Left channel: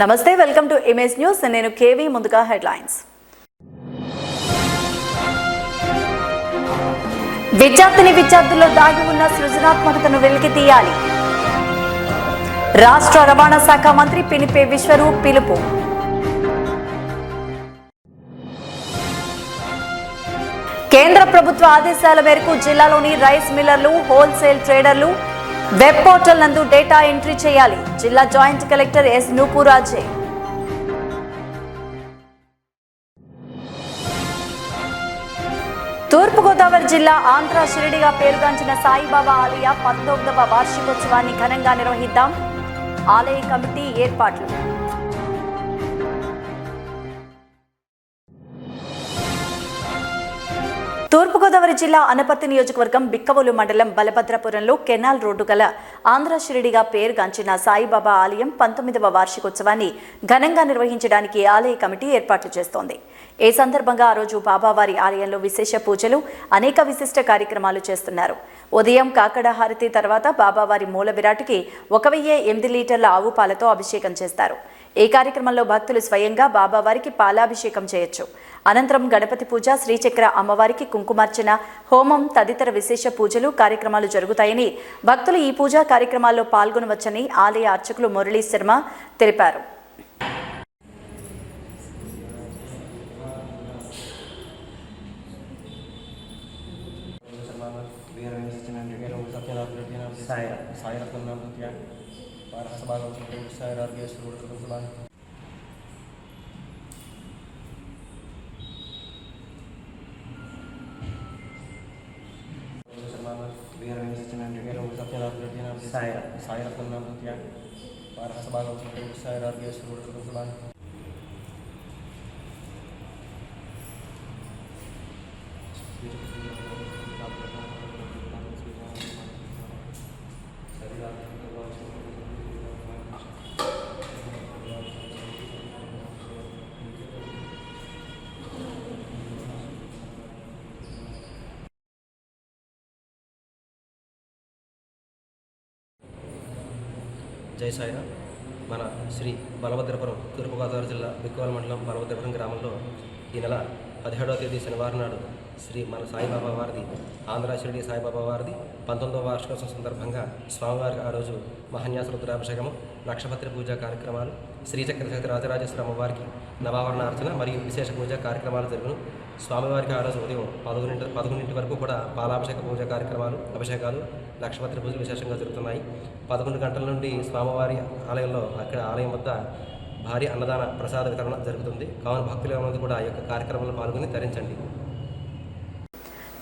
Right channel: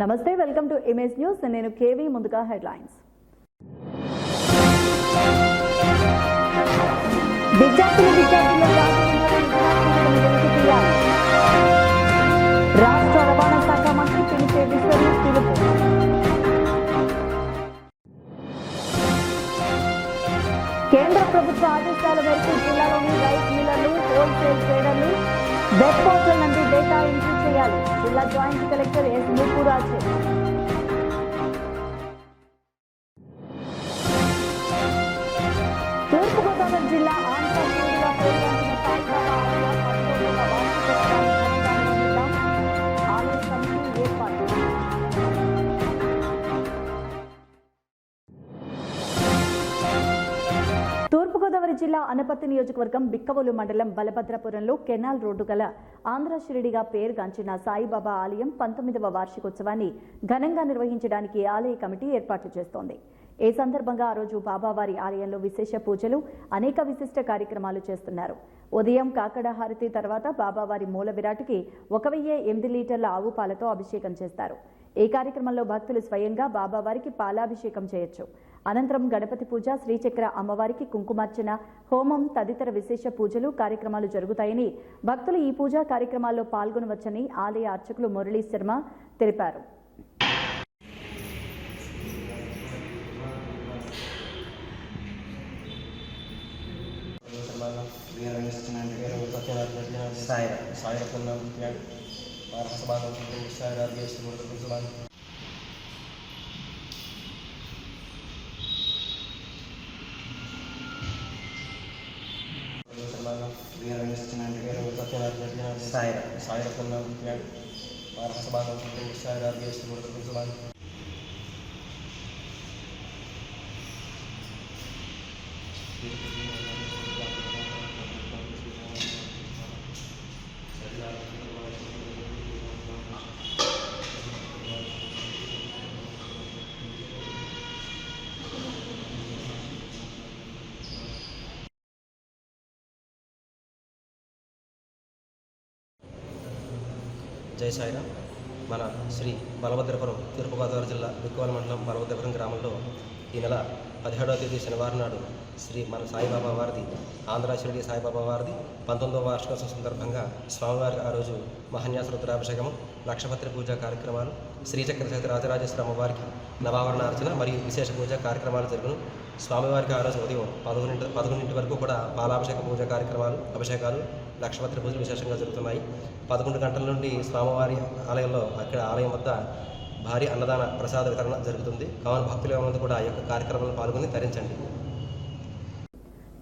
నమస్తే, welcome to image news. నేను KV. ముందుగా హెడ్లైన్స్. విద్యార్థుల్లో దాగి ఉన్న సృజనాత్మకతను వెలికి తీయాలి. రాష్ట్ర రవాణా శాఖ మంత్రి పినిపే విశ్వరూప్ పిలుపు. కేంద్ర ప్రభుత్వ ఆదేశాల మేరకు జిల్లాలోని రైస్ మిల్లర్లు, హోల్సేల్ ట్రేడర్లు వెబ్ పోర్టల్ నందు డేటా ఎంట్రీ చేయాలి. జిల్లా joint collector S Nupur Ajay. తూర్పుగోదావరి జిల్లా ఆంధ్ర షిరిడిగా పేరుగాంచిన సాయిబాబా ఆలయ 19వ వార్షికోత్సవాన్ని ఘనంగా నిర్వహిద్దాం. ఆలయ కమిటీ ఏర్పాట్లు. తూర్పుగోదావరి జిల్లా అనపర్తి నియోజకవర్గం బిక్కవోలు మండలం బలభద్రపురంలో కెనాల్ రోడ్డు గల ఆంధ్ర షిరిడిగా పేరుగాంచిన సాయిబాబా ఆలయం 19వ వార్షికోత్సవాన్ని ఘనంగా నిర్వహించడానికి ఆలయ కమిటీ ఏర్పాట్లు చేస్తోంది. ఈ సందర్భంగా ఆ రోజు బాబావారి ఆలయంలో విశేష పూజలు, అనేక విశిష్ట కార్యక్రమాలు చేస్తున్నారు. ఉదయం కాకడ హారతి తర్వాత బాబావారి మూల విరాటికి 1008 లీటర్ల ఆవు పాలతో అభిషేకం చేస్తారు. ఈ కార్యక్రమంలో భక్తులు స్వయంగా బాబావారికి పాలాభిషేకం చేయొచ్చు. అనంతరం గణపతి పూజ, శ్రీచక్ర అమ్మవారికి కుంకుమార్చన, హోమం తదితర విశేష పూజలు కార్యక్రమాలు జరుగుతాయని, భక్తులు ఈ పూజా కార్యక్రమాల్లో పాల్గొనవచ్చని ఆలయ అర్చకులు మురళీ శర్మ తెలిపారు. జై సాయిరామ్. మన శ్రీ బలభద్రపురం, తూర్పుగోదావరి జిల్లా బిక్కవోలు మండలం బలభద్రపురం గ్రామంలో ఈ నెల 17వ తేదీ శనివారం నాడు శ్రీ మన సాయిబాబా వారిది, ఆంధ్ర షిరిడి సాయిబాబా వారిది 19వ వార్షికోత్సవం సందర్భంగా స్వామివారికి ఆ రోజు మహాన్యాస రుద్రాభిషేకము, లక్షపత్రి పూజా కార్యక్రమాలు, శ్రీచక్ర సహిత రాజరాజేశ్వర అమ్మవారికి నవావరణ అర్చన మరియు విశేష పూజా కార్యక్రమాలు జరుగును. స్వామివారికి ఆ రోజు ఉదయం 11 వరకు కూడా పాలాభిషేక పూజా కార్యక్రమాలు, అభిషేకాలు, లక్షపత్రి పూజలు విశేషంగా జరుగుతున్నాయి. 11 గంటల నుండి స్వామివారి ఆలయంలో అక్కడ ఆలయం వద్ద భారీ అన్నదాన ప్రసాద వితరణ జరుగుతుంది. కావున భక్తులు ఏమైనా కూడా ఈ యొక్క కార్యక్రమంలో పాల్గొని తరించండి.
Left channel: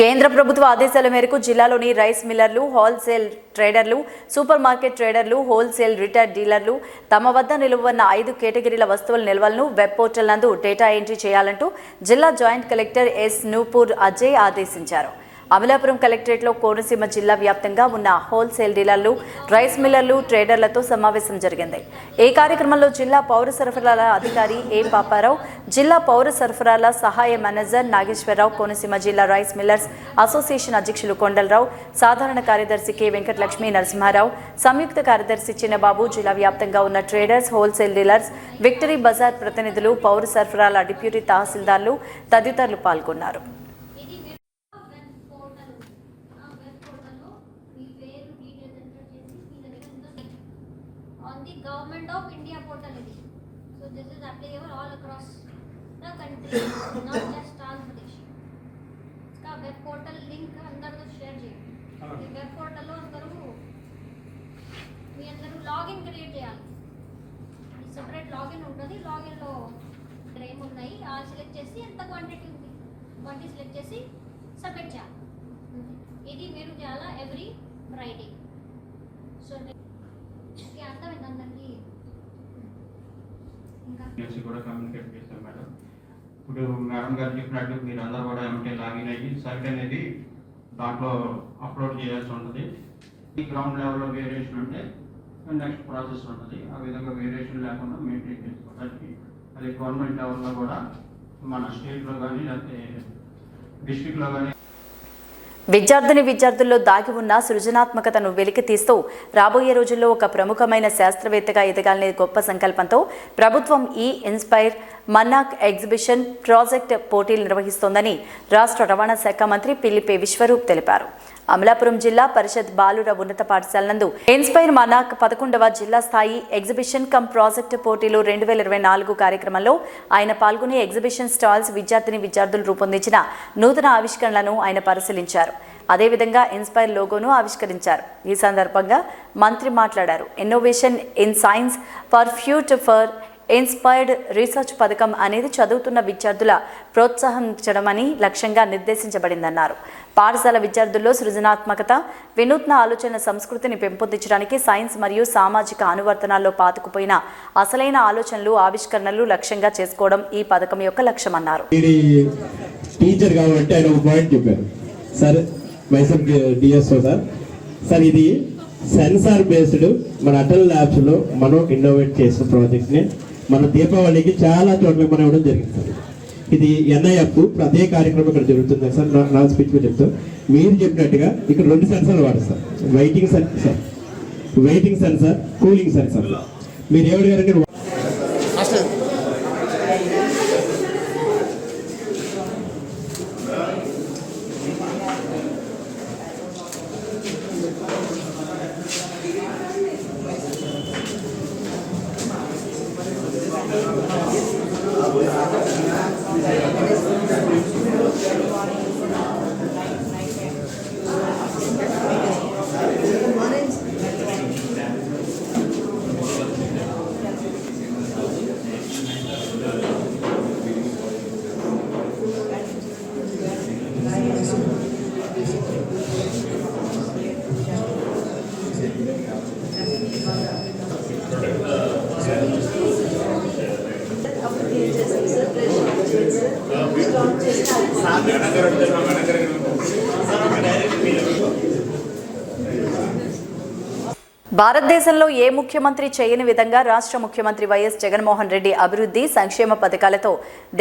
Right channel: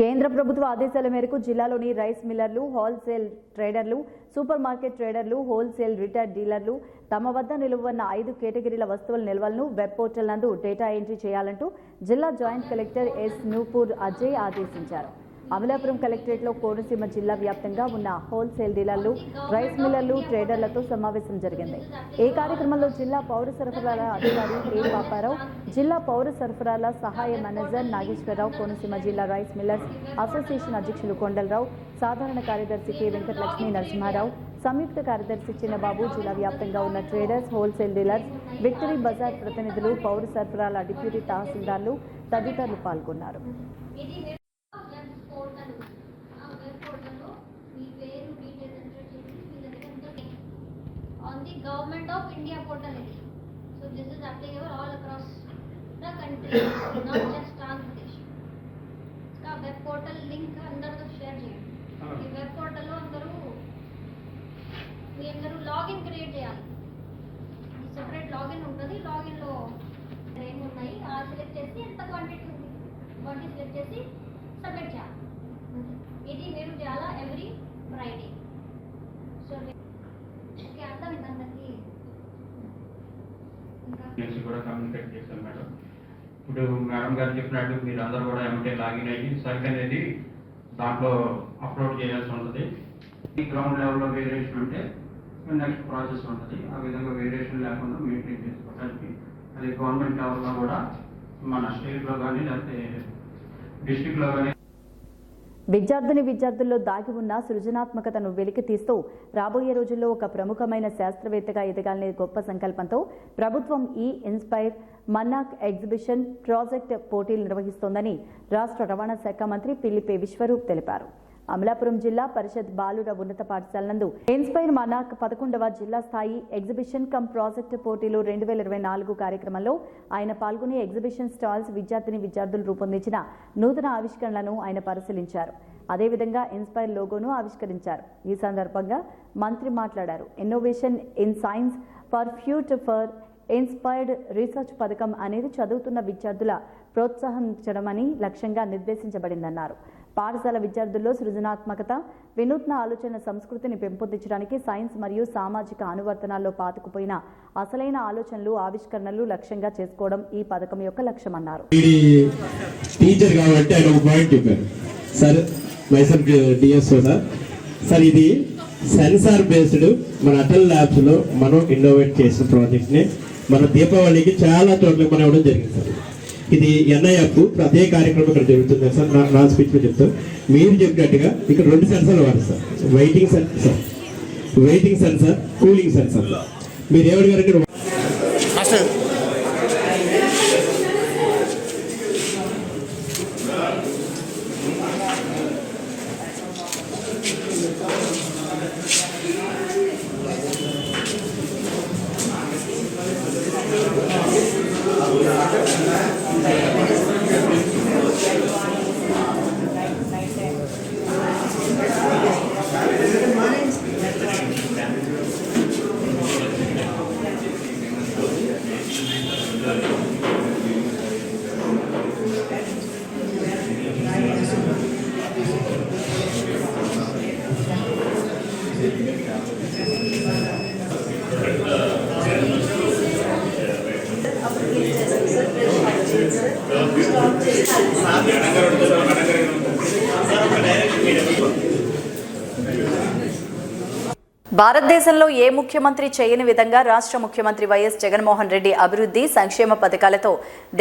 కేంద్ర ప్రభుత్వ ఆదేశాల మేరకు జిల్లాలోని రైస్ మిల్లర్లు, హోల్సేల్ ట్రేడర్లు, సూపర్ మార్కెట్ ట్రేడర్లు, హోల్సేల్ రిటైల్ డీలర్లు తమ వద్ద నిలువన్న 5 కేటగిరీల వస్తువుల నిల్వలను వెబ్ పోర్టల్ నందు డేటా ఎంట్రీ చేయాలంటూ జిల్లా joint collector S Nupur Ajay ఆదేశించారు. అమలాపురం కలెక్టరేట్లో కోనసీమ జిల్లా వ్యాప్తంగా ఉన్న హోల్సేల్ డీలర్లు, రైస్ మిల్లర్లు, ట్రేడర్లతో సమావేశం జరిగింది. ఈ కార్యక్రమంలో జిల్లా పౌర సరఫరాల అధికారి ఏ పాపారావు, జిల్లా పౌర సరఫరాల సహాయ మేనేజర్ నాగేశ్వరరావు, కోనసీమ జిల్లా రైస్ మిల్లర్స్ అసోసియేషన్ అధ్యక్షులు కొండలరావు, సాధారణ కార్యదర్శి కె వెంకటలక్ష్మి నరసింహారావు, సంయుక్త కార్యదర్శి చిన్నబాబు, జిల్లా వ్యాప్తంగా ఉన్న traders, wholesale dealers, Victory Bazaar ప్రతినిధులు, పౌర సరఫరాల డిప్యూటీ తహసీల్దార్లు తదితరులు పాల్గొన్నారు. Government of India portal is. So this is applicable all across the country, not just Andhra Pradesh. इसका web portal link अंदर तो share చేయండి. ఈ web portal లో అందరూ లాగిన్ క్రియేట్ చేయాలి. సెపరేట్ లాగిన్ ఉంటుంది. లాగిన్ లో ఏమున్నాయి సెలెక్ట్ చేసి ఎంత క్వాంటిటీ ఉంది వాటిని సెలెక్ట్ చేసి సబ్మిట్ చేయాలి. ఇది మీరు చేయాలా ఎవ్రీ ఫ్రైడే. సో నుంచి కూడా కమ్యూనికేట్ చేస్తాం మేడం. ఇప్పుడు మేడం గారు చెప్పినట్టు మీరు అందరూ కూడా ఏమంటే లాగిన్ అయ్యి సైట్ అనేది దాంట్లో అప్లోడ్ చేయాల్సి ఉంటుంది. ఈ గ్రౌండ్ లెవెల్లో వేరియేషన్ ఉంటే నెక్స్ట్ ప్రాసెస్ ఉంటుంది. ఆ విధంగా వేరియేషన్ లేకుండా మెయింటైన్ చేసుకోవడానికి అది గవర్నమెంట్ లెవెల్లో కూడా మన స్టేట్లో కానీ లేకపోతే డిస్ట్రిక్ట్లో కానీ విద్యార్థుల్లో దాగి ఉన్న సృజనాత్మకతను వెలికితీస్తూ రాబోయే రోజుల్లో ఒక ప్రముఖమైన శాస్త్రవేత్తగా ఎదగాలనే గొప్ప సంకల్పంతో ప్రభుత్వం ఈ ఇన్స్పైర్ మన్నాక్ ఎగ్జిబిషన్ ప్రాజెక్ట్ పోటీలు నిర్వహిస్తోందని రాష్ట్ర రవాణా శాఖ మంత్రి పిల్లిపే విశ్వరూప్ తెలిపారు. అమలాపురం జిల్లా పరిషత్ బాలుర ఉన్నత పాఠశాల నందు ఇన్స్పైర్ మన్నాక్ 11వ జిల్లా స్థాయి ఎగ్జిబిషన్ కమ్ ప్రాజెక్టు పోటీలు 2024 కార్యక్రమంలో ఆయన పాల్గొని ఎగ్జిబిషన్ స్టాల్స్ విద్యార్థులు రూపొందించిన నూతన ఆవిష్కరణలను ఆయన పరిశీలించారు. అదేవిధంగా ఇన్స్పైర్ లోగోను ఆవిష్కరించారు. ఈ సందర్భంగా మంత్రి మాట్లాడారు. Innovation in science for future for inspired research పథకం అనేది చదువుతున్న విద్యార్థుల ప్రోత్సహించడమని లక్ష్యంగా నిర్దేశించబడిందన్నారు. పాఠశాల విద్యార్థుల్లో సృజనాత్మకత, వినూత్న ఆలోచన సంస్కృతిని పెంపొందించడానికి సైన్స్ మరియు సామాజిక అనువర్తనాల్లో పాతుకుపోయిన అసలైన ఆలోచనలు, ఆవిష్కరణలు లక్ష్యంగా చేసుకోవడం ఈ పథకం యొక్క లక్ష్యమన్నారు. టీచర్ కాబట్టి ఆయన ఒక పాయింట్ చెప్పారు సార్, మైసెల్ఫ్ డిఎస్ఓ సార్ ఇది సెన్సార్ బేస్డ్ మన అటల్ ల్యాబ్స్ లో మనం ఇన్నోవేట్ చేసిన ప్రాజెక్ట్ ని మన దీపావళికి చాలా చోట్ల మనం ఇవ్వడం జరిగింది సార్. ఇది ఎన్ఐఎఫ్ అదే కార్యక్రమం ఇక్కడ జరుగుతుంది సార్. నా స్పీచ్ లో చెప్తాను, మీరు చెప్పినట్టుగా ఇక్కడ 2 సెన్సార్లు వాడతారు. Weighting sensor, cooling sensor. మీరు ఏమడిగారంటే భారతదేశంలో ఏ ముఖ్యమంత్రి చేయని విధంగా రాష్ట్ర ముఖ్యమంత్రి వైఎస్ జగన్మోహన్ రెడ్డి అభివృద్ధి సంక్షేమ పథకాలతో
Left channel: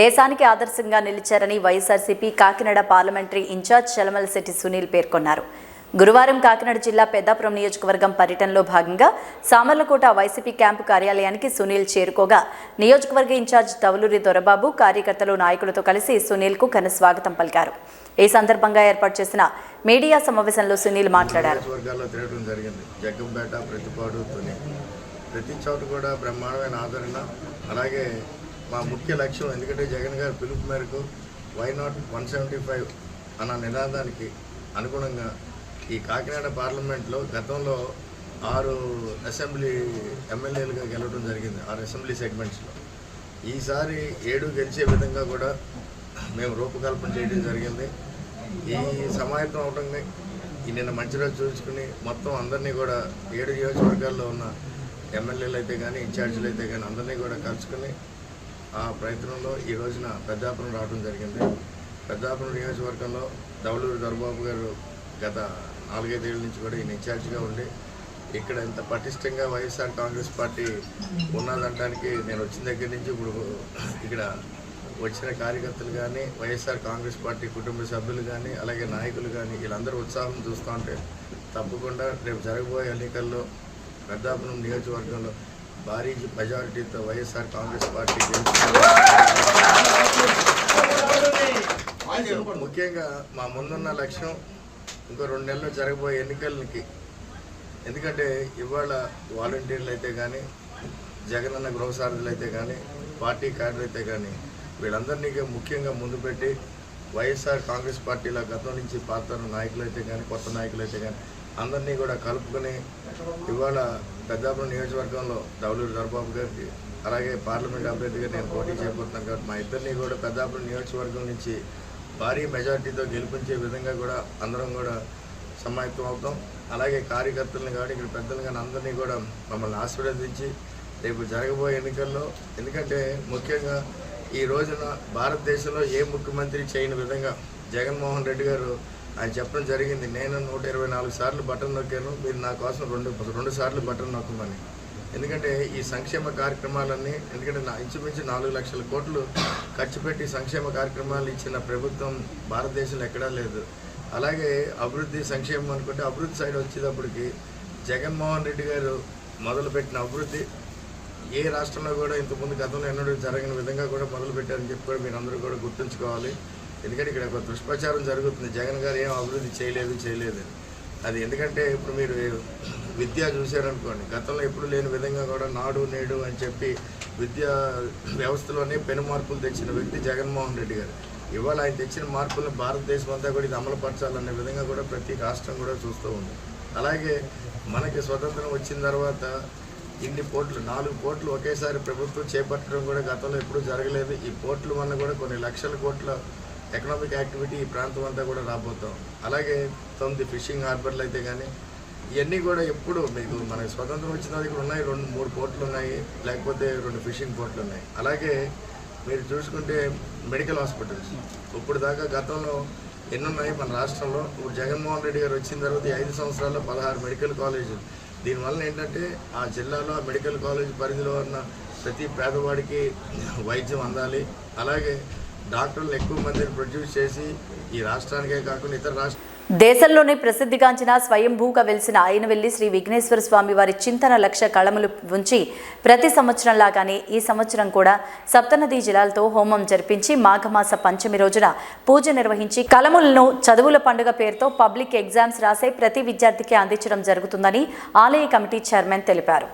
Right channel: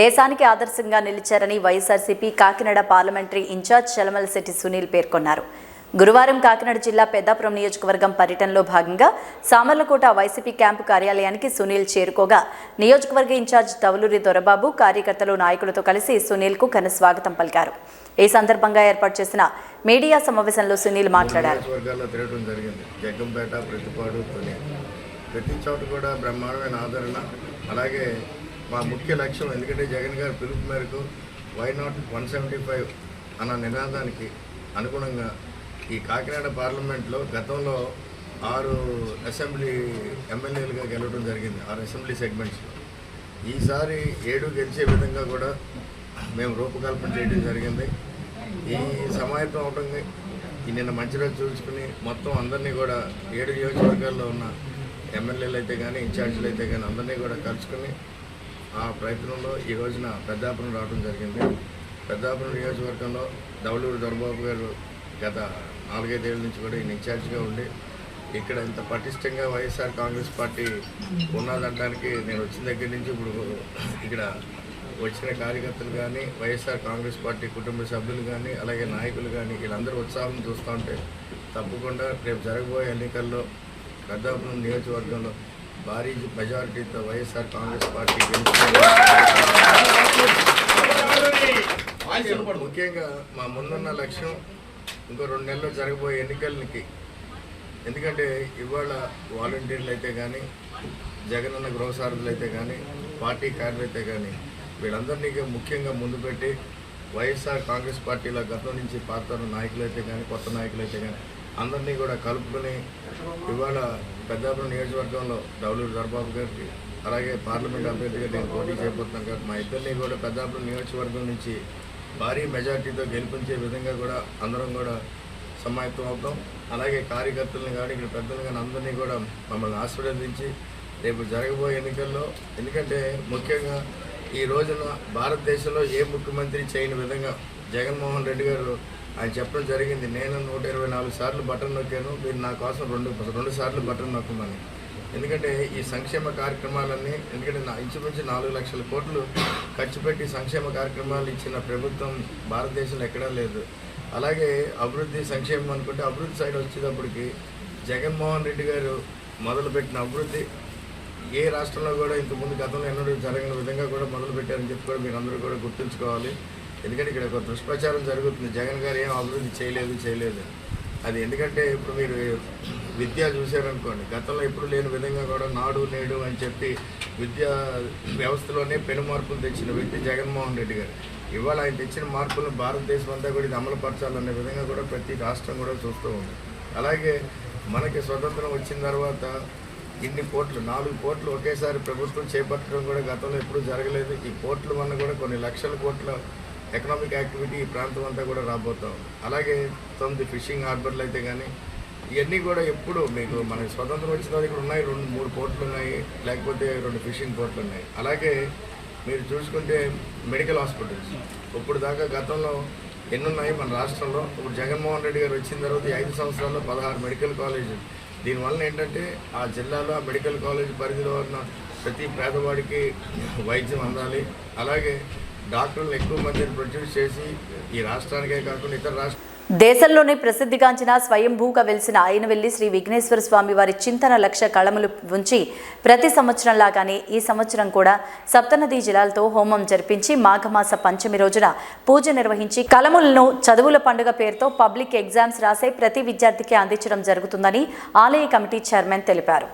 దేశానికి ఆదర్శంగా నిలిచారని వైఎస్ఆర్సీపీ కాకినాడ పార్లమెంటరీ ఇన్ఛార్జ్ చలమలశెట్టి సునీల్ పేర్కొన్నారు. గురువారం కాకినాడ జిల్లా పెద్దాపురం నియోజకవర్గం పర్యటనలో భాగంగా సామర్లకోట వైసీపీ క్యాంపు కార్యాలయానికి సునీల్ చేరుకోగా నియోజకవర్గ ఇన్ఛార్జ్ తవలూరి దొరబాబు కార్యకర్తలు, నాయకులతో కలిసి సునీల్కు ఘన స్వాగతం పలికారు. ఈ సందర్భంగా ఏర్పాటు చేసిన మీడియా సమావేశంలో సునీల్ మాట్లాడారు. ప్రతి చోట కూడా బ్రహ్మాండమైన ఆదరణ, అలాగే మా ముఖ్య లక్ష్యం ఎందుకంటే జగన్ గారి పిలుపు మేరకు వై నాట్ 175 అన్న నినాదానికి అనుగుణంగా ఈ కాకినాడ పార్లమెంట్లో గతంలో 6 అసెంబ్లీ ఎమ్మెల్యేలుగా గెలవడం జరిగింది, 6 అసెంబ్లీ సెగ్మెంట్స్లో. ఈసారి 7 గెలిచే విధంగా కూడా మేము రూపకల్పన చేయడం జరిగింది. ఈ సమాయత్తం అవడంగా ఈ నిన్న మంచి రోజు చూసుకుని మొత్తం అందరినీ కూడా 7 నియోజకవర్గాల్లో ఉన్న ఎమ్మెల్యేలు అయితే కానీ, ఇన్ఛార్జీలు అయితే కానీ అందరినీ కూడా కలుసుకుని ఆ ప్రయత్నంలో ఈ రోజున పెద్దాపురం రావడం జరిగింది. పెద్దాపురం నియోజకవర్గంలో దవలూరు దొరబాబు గారు గత 4-5 ఏళ్ళ నుంచి కూడా ఈయన ఇన్ఛార్జిగా ఉండి ఇక్కడ ఇంత పటిష్టంగా వైఎస్ఆర్ కాంగ్రెస్ పార్టీ ఉన్నదంటానికి నేను వచ్చిన దగ్గర నుంచి ఇప్పుడు ఇక్కడ వచ్చిన కార్యకర్తలు కానీ, వైఎస్ఆర్ కాంగ్రెస్ పార్టీ కుటుంబ సభ్యులు కానీ, అలాగే నాయకులు కానీ వీళ్ళందరూ ఉత్సాహం చూస్తూ ఉంటే తప్పకుండా రేపు జరగబోయే ఎన్నికల్లో పెద్దాపురం నియోజకవర్గంలో భారీ మెజారిటీతో వైఎస్ఆర్ కాంగ్రెస్ పార్టీ ముఖ్యంగా మా ముందున్న లక్ష్యం ఇంకో 2 నెలల్లో జరగబోయే ఎన్నికలకి, ఎందుకంటే ఇవాళ వాలంటీర్లు అయితే కానీ, జగనన్న గృహసారథులు అయితే కానీ, పార్టీ కార్డులు అయితే కానీ వీళ్ళందరినీ ముఖ్యంగా ముందు పెట్టి వైఎస్ఆర్ కాంగ్రెస్ పార్టీలో గతం నుంచి పాత నాయకులు అయితే కానీ, కొత్త నాయకులు అయితే కానీ అందరినీ కూడా కలుపుకొని ఇవాళ పెద్దాపురం నియోజకవర్గంలో దవలూరు దొరబాబు గారికి, అలాగే పార్లమెంట్ అభ్యర్థిగా నేను పోటీ చేయబోతున్నాను కాబట్టి మా ఇద్దరిని కూడా పెద్దాపురం నియోజకవర్గం నుంచి భారీ మెజార్టీతో గెలిపించే విధంగా కూడా అందరం కూడా సమాయత్తం అవుతాం. అలాగే కార్యకర్తలను కానీ, ఇక్కడ పెద్దలు కానీ అందరినీ కూడా మమ్మల్ని ఆశీర్వదించి రేపు జరగబోయే ఎన్నికల్లో, ఎందుకంటే ముఖ్యంగా ఈ రోజున భారతదేశంలో ఏ ముఖ్యమంత్రి చేయని విధంగా జగన్మోహన్ రెడ్డి గారు ఆయన చెప్పడం జరిగింది. నేను 124 సార్లు బటన్ నొక్కాను, మీరు నా కోసం 2 సార్లు బటన్ నొక్కమని. ఎందుకంటే ఈ సంక్షేమ కార్యక్రమాలన్నీ, ఎందుకంటే ఇంచుమించు 4 లక్షల కోట్లు ఖర్చు పెట్టి సంక్షేమ కార్యక్రమాలు ఇచ్చిన ప్రభుత్వం భారతదేశంలో ఎక్కడా లేదు. అలాగే అభివృద్ధి సంక్షేమం అనుకుంటే అభివృద్ధి సైడ్ వచ్చేటప్పటికి జగన్మోహన్ రెడ్డి గారు మొదలుపెట్టిన అభివృద్ధి ఏ రాష్ట్రంలో కూడా ఇంతకుముందు గతంలో ఎన్నడూ జరగని విధంగా కూడా మొదలుపెట్టారని చెప్పి కూడా మీరు అందరూ కూడా గుర్తుంచుకోవాలి. ఎందుకంటే ఇక్కడ ఒక దుష్ప్రచారం జరుగుతుంది, జగన్ గారు ఏం అభివృద్ధి చేయలేదు. అది ఎందుకంటే ఇప్పుడు మీరు విద్య చూశారనుకోండి, గతంలో ఎప్పుడు లేని విధంగా కూడా నాడు నేడు అని చెప్పి విద్యా వ్యవస్థలోనే పెను మార్పులు తెచ్చిన వ్యక్తి జగన్మోహన్ రెడ్డి గారు. ఇవాళ ఆయన తెచ్చిన మార్పులను భారతదేశం అంతా కూడా ఇది అమలుపరచాలనే విధంగా కూడా ప్రతి రాష్ట్రం కూడా చూస్తూ ఉంది. అలాగే మనకి స్వతంత్రం వచ్చిన తర్వాత ఇన్ని పోర్ట్లు 4 పోర్ట్లు ఒకేసారి ప్రభుత్వం చేపట్టడం కూడా గతంలో ఎప్పుడూ జరగలేదు. ఈ పోర్ట్లు వల్ల కూడా కొన్ని లక్షల కోట్ల ఎకనామిక్ యాక్టివిటీ ఈ ప్రాంతం అంతా కూడా రాబోతాం. అలాగే 9 ఫిషింగ్ హార్బర్లు అయితే కానీ ఇవన్నీ కూడా ఎప్పుడు మీకు మన స్వతంత్రం వచ్చిన దగ్గర ఉన్నాయి, 2-3 పోర్ట్లు ఉన్నాయి, లేకపోతే 2 ఫిషింగ్ పోర్ట్లు ఉన్నాయి. అలాగే మీరు చూసుకుంటే మెడికల్ హాస్పిటల్స్ ఇప్పుడు దాకా గతంలో ఎన్ని ఉన్నాయి మన రాష్ట్రంలో. ఇప్పుడు జగన్మోహన్ రెడ్డి గారు వచ్చిన తర్వాత ఈ 5 సంవత్సరాల్లో 16 మెడికల్ కాలేజీలు. దీనివల్ల ఏంటంటే ఆ జిల్లాలో ఆ మెడికల్ కాలేజ్ పరిధిలో ఉన్న ప్రతి పేదవాడికి వైద్యం అందాలి. అలాగే డాక్టర్లు ఎక్కువ మందిని ప్రొడ్యూస్ చేసి ఈ రాష్ట్రానికే కాకుండా ఇతర రాష్ట్రాలు దేశంలోనే ప్రసిద్ధిగాంచిన స్వయంభూగా వెలిసిన అయినవెల్లి శ్రీ విఘ్నేశ్వర స్వామి వారి చింతన లక్ష కళములు ఉంచి ప్రతి సంవత్సరంలాగానే ఈ సంవత్సరం కూడా సప్తనదీ జలాలతో హోమం జరిపించి మాఘమాస పంచమి రోజున పూజ నిర్వహించి కళములను చదువుల పండుగ పేరుతో పబ్లిక్ ఎగ్జామ్స్ రాసే ప్రతి విద్యార్థికి అందించడం జరుగుతుందని ఆలయ కమిటీ చైర్మన్ తెలిపారు.